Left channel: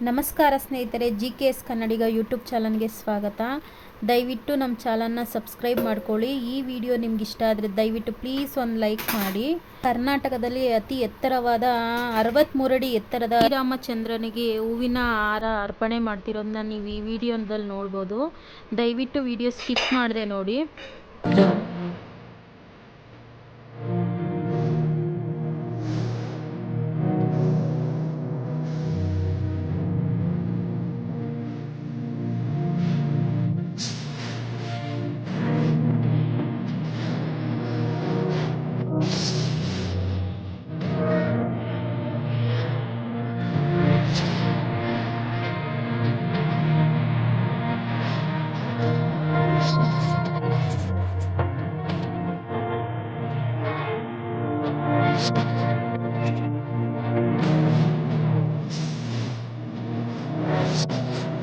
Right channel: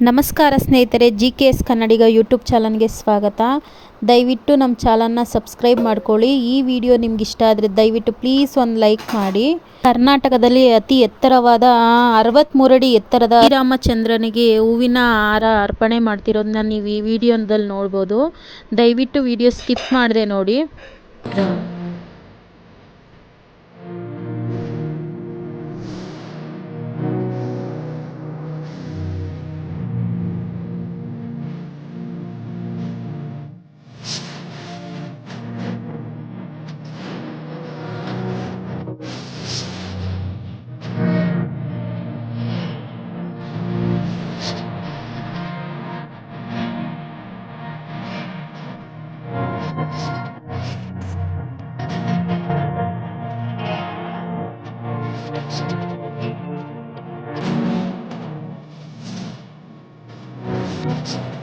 ನಮಸ್ಕಾರ ಸ್ನೇಹಿತರೆ G K S Kannadiga YouTube ಚಾನಲ್ಗೆ ಸ್ವಾಗತ. ದಯವಿಟ್ಟು ನಮ್ಮ ಚಾನಲ್ನ ಸಬ್ಸ್ಕ್ರೈಬ್ ಮಾಡ್ಕೊಳ್ಳಿ. ಈ ವಿಡಿಯೋ ನಿಮ್ಗೆ ಇಷ್ಟ ಆದರೆ ದಯವಿಟ್ಟು ಪ್ಲೀಸ್ ಒಂದು ಲೈಕ್ ಮಾಡಿ. ಕರ್ನಾಟಕದಲ್ಲಿ ಅತಿ ಎತ್ತರವಾದ ಅರವತ್ತ್ಮೂರಡಿ ಎತ್ತರದ ಶ್ರೀರಾಮಚಂದ್ರನಿಗೆ ಹೂವಿನ ಹಾರ ಅರ್ಪಣೆ ಮಾಡ್ತಿರೋದನ್ನ ನೀವು ಈ ವಿಡಿಯೋದಲ್ಲಿ ನೋಡ್ಬೋದು. ದಯವಿಟ್ಟು ವಿಡಿಯೋ ಸ್ಕಿಪ್ ಮಾಡದೆ ನೋಡಿ. Thank you.